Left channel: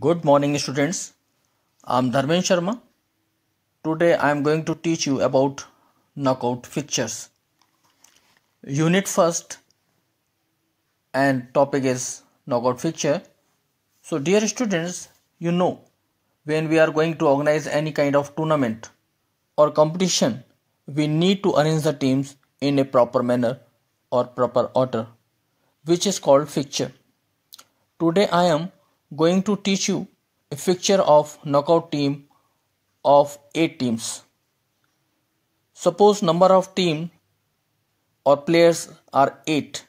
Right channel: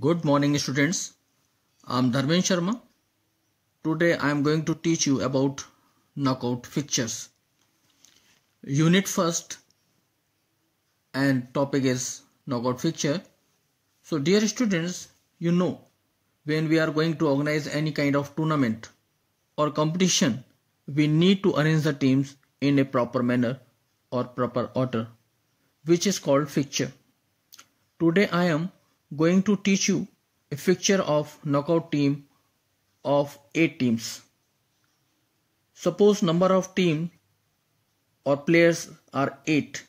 Good morning students. I am Dharmen Sharma. Today I am going to teach you about knockout fixtures. Unit first and topic is knockout fixture. So dear students, when we are going to organize any kind of tournament or competition, we need to arrange the teams in a proper manner or proper order, which is called fixture. Today I am going to teach you a fixture of knockout team of 8 teams. Suppose number of team or players are 8.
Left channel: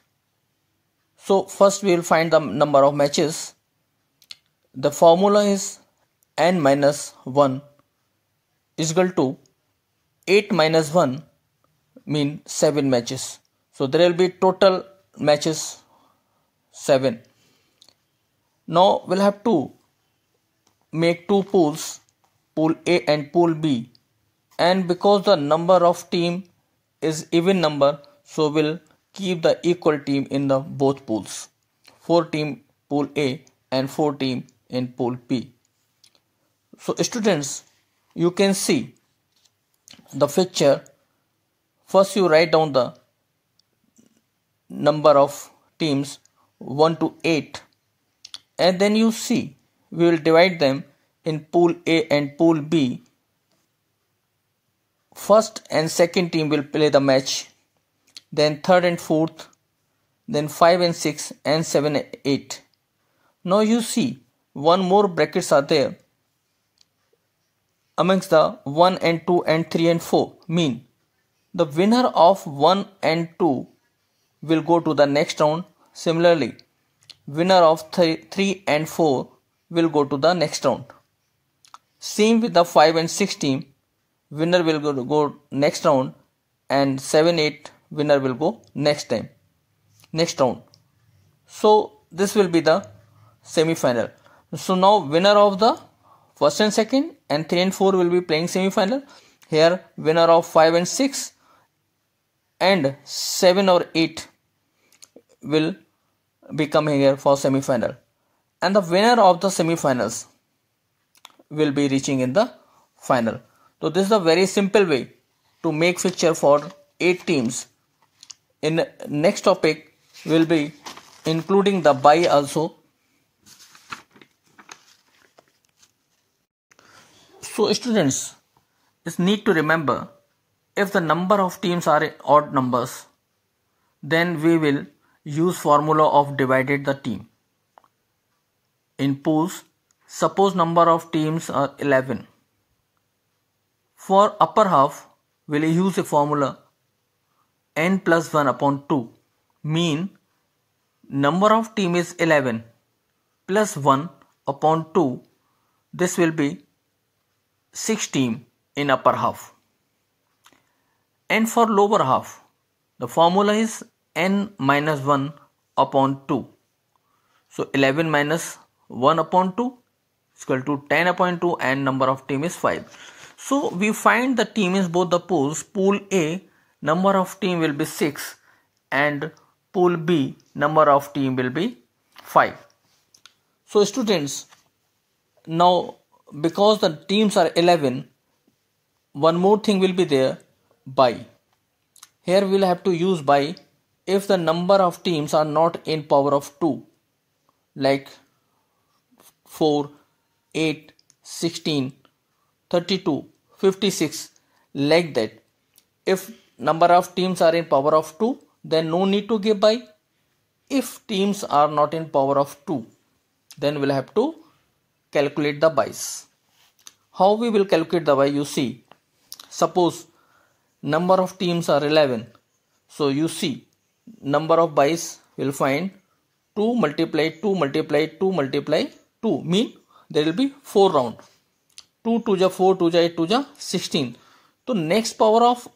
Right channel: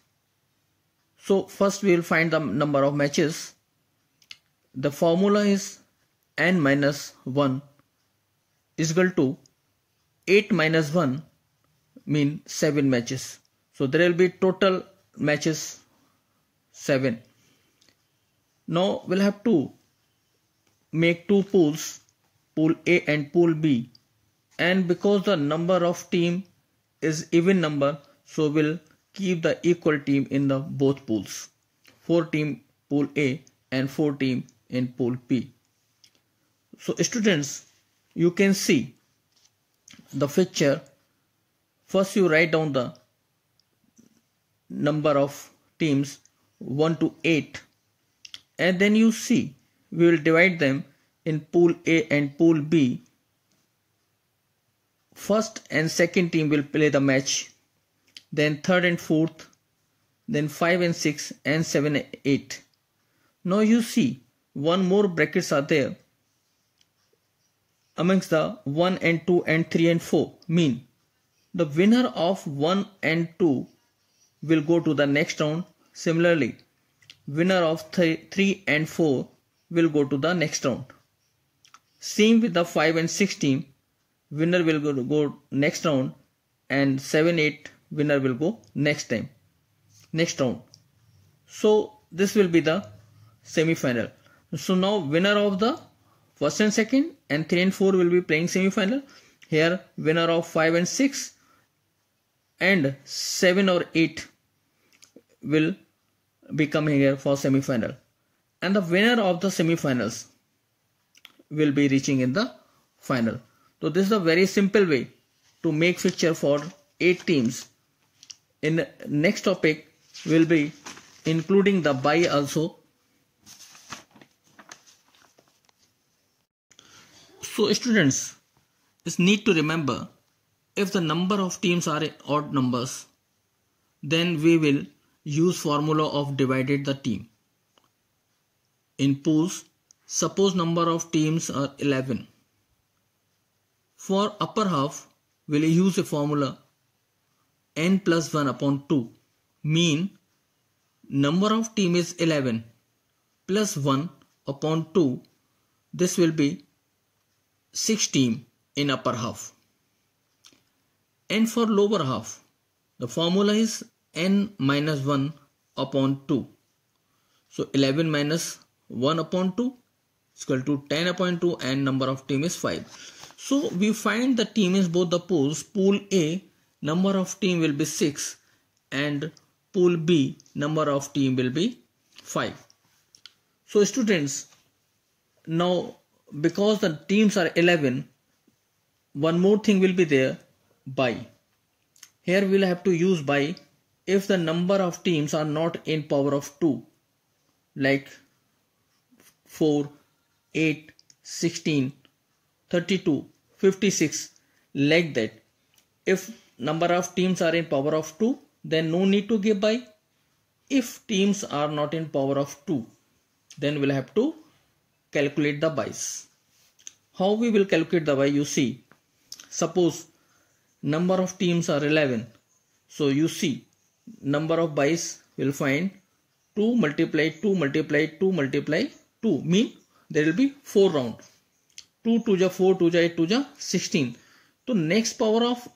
So first we will find the number of matches. The formula is n minus 1 is equal to 8 minus 1 mean 7 matches. So there will be total matches 7. Now we'll have to make two pools, pool A and pool B, and because the number of team is even number, so we'll keep the equal team in the both pools. 4 team pool A and 4 team in pool B. So students, you can see the fixture. First you write down the number of teams 1 to 8, and then you see we will divide them in pool A and pool B. First and second team will play the match, then third and fourth, then 5 and 6 and 7 and 8. Now you see one more brackets are there amongst the 1 and 2 and 3 and 4, mean the winner of 1 and 2 will go to the next round. Similarly, winner of 3 and 4 will go to the next round. Same with the 5 and 6 team, winner will go next round, and 7 8 winner will go next round. So this will be the semi-final. So now winner of the first and second and 3 and 4 will be playing semi-final. Here winner of 5 and 6 and 7 or 8 will be coming here for semi-final, and the winner of the semi-finals will be reaching in the final. So this is a very simple way to make fixture for 8 teams. In next topic will be including the bye also. So students, it's need to remember, if the number of teams are odd numbers, then we will use formula of divided the team. In pools, suppose number of teams are 11. For upper half, we'll use a formula n plus 1 upon 2, mean number of team is 11 plus 1 upon 2, this will be 6 team in upper half. And for lower half, the formula is n minus 1 upon 2. So 11 minus 1 upon 2 is equal to 10 upon 2, and number of team is 5. So we find the team is both the pools. Pool A, number of team will be 6, and pool B, number of team will be 5. So students, now because the teams are 11, one more thing will be there, bye. Here we'll have to use bye if the number of teams are not in power of 2, like 4, 8, 16, 32, 56, like that. If number of teams are in power of 2, then no need to give bye. If teams are not in power of 2, then we'll have to calculate the byes. How we will calculate the bye, you see. Suppose number of teams are 11. So you see number of byes will find 2 multiply 2 multiply 2 multiply 2, mean there will be 4 round. 2 2 ja 4, 2 ja 8, 2 ja 16. So next power of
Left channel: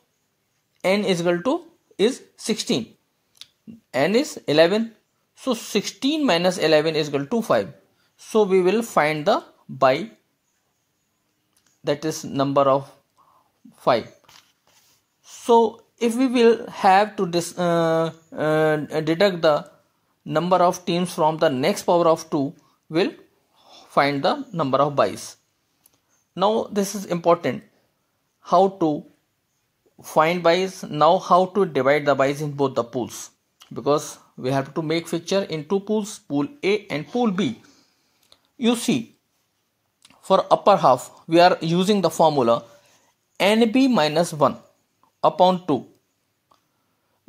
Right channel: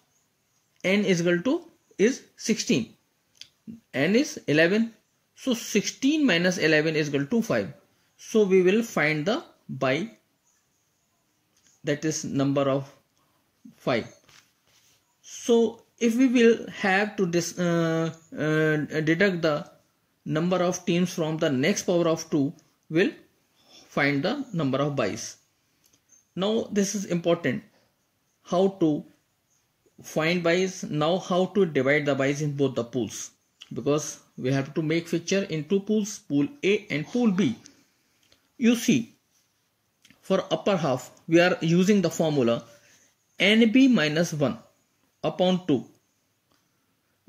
n is equal to is 16. N is 11. So 16 minus 11 is equal to 5. So we will find the bye, that is number of 5. So if we will have to deduct the number of teams from the next power of 2, will find the number of byes. Now this is important, how to find byes. Now how to divide the byes in both the pools, because we have to make fixture in two pools, pool A and pool B. You see, for upper half we are using the formula NB minus 1 upon 2.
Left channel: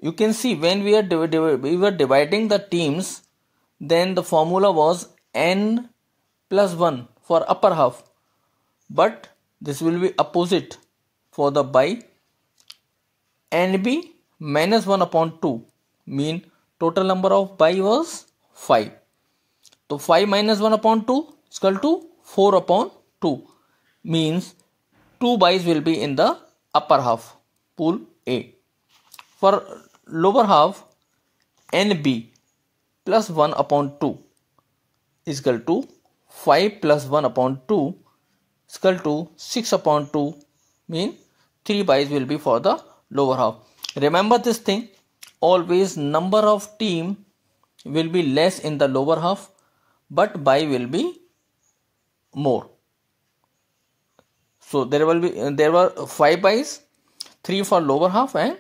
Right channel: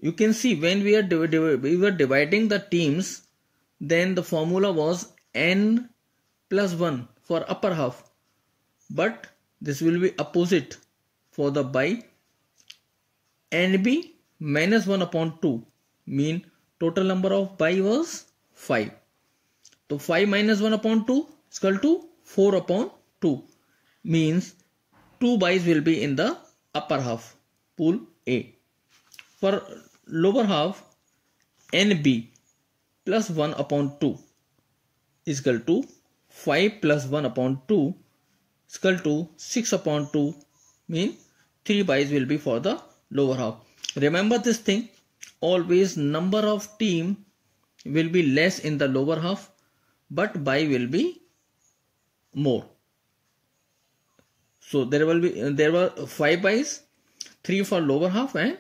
You can see when we were dividing the teams, then the formula was N plus 1 for upper half, but this will be opposite for the by NB minus 1 upon 2, mean total number of by was 5. So 5 minus 1 upon 2 is equal to 4 upon 2, means 2 byes will be in the upper half, pool A. For lower half, NB plus 1 upon 2 is equal to 5 plus 1 upon 2 is equal to 6 upon 2, mean 3 byes will be for the lower half. Remember this thing, always number of team will be less in the lower half, but by will be more. So there were 5 byes, 3 for lower half and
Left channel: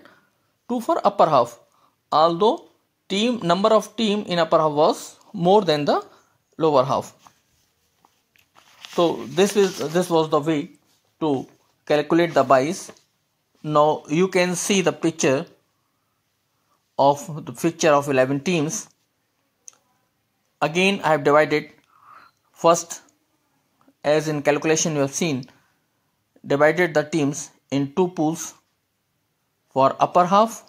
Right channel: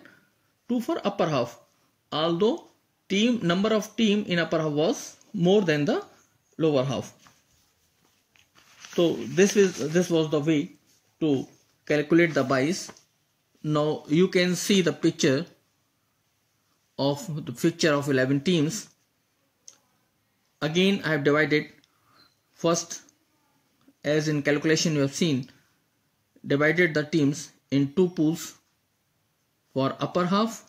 2 for upper half, although number of team in upper half was more than the lower half. So this was the way to calculate the byes. Now you can see the picture of 11 teams. Again I have divided, first as in calculation you have seen, divided the teams in two pools. For upper half,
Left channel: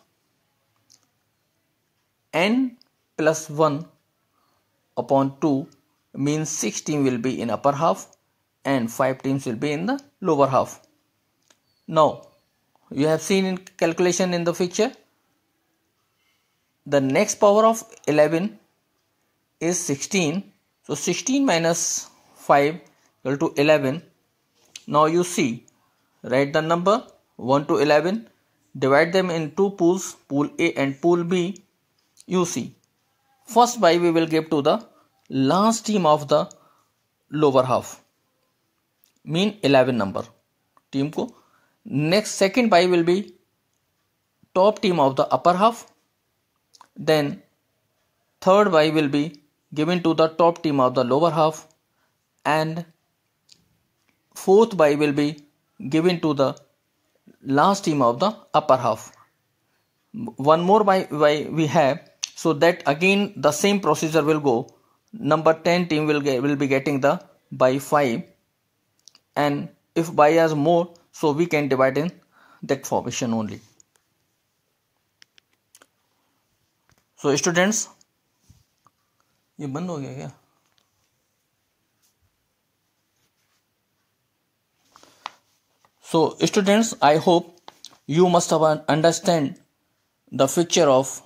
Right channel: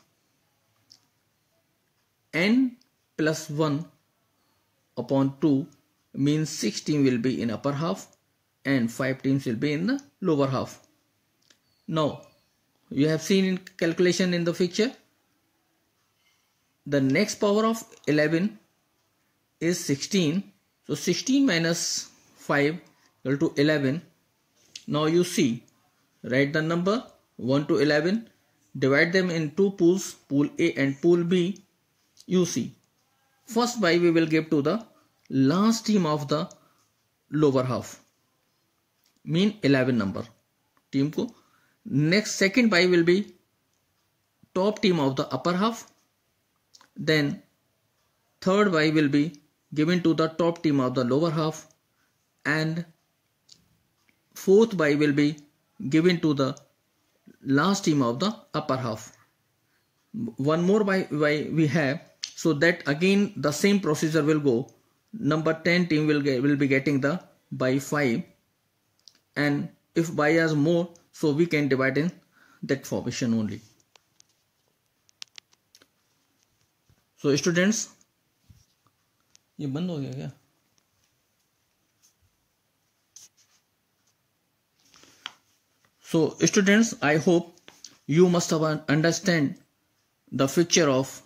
N plus 1 upon 2 means 6 teams will be in upper half and 5 teams will be in the lower half. Now you have seen in calculation in the picture, the next power of 11 is 16. So 16 minus 5 equal to 11. Now you see, write the number 1 to 11, divide them in two pools, pool A and pool B. You see, first by we will give to the last team of the lower half, mean 11 number team ko. Next second by will be top team of the upper half. Then third by will be given to the top team of the lower half, and fourth by will be given to the last team of the upper half. One more by we have, so that again the same procedure will go. Number 10 team will be getting the by 5, and if by has more, so we can divide in that formation only. So students, ये बंद हो गया क्या? So students, I hope you must have understand the figure of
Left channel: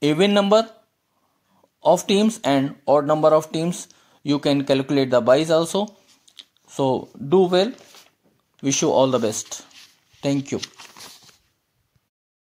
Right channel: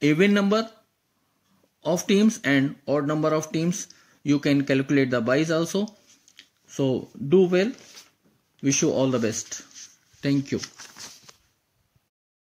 even number of teams and odd number of teams. You can calculate the byes also. So do well. Wish you all the best. Thank you.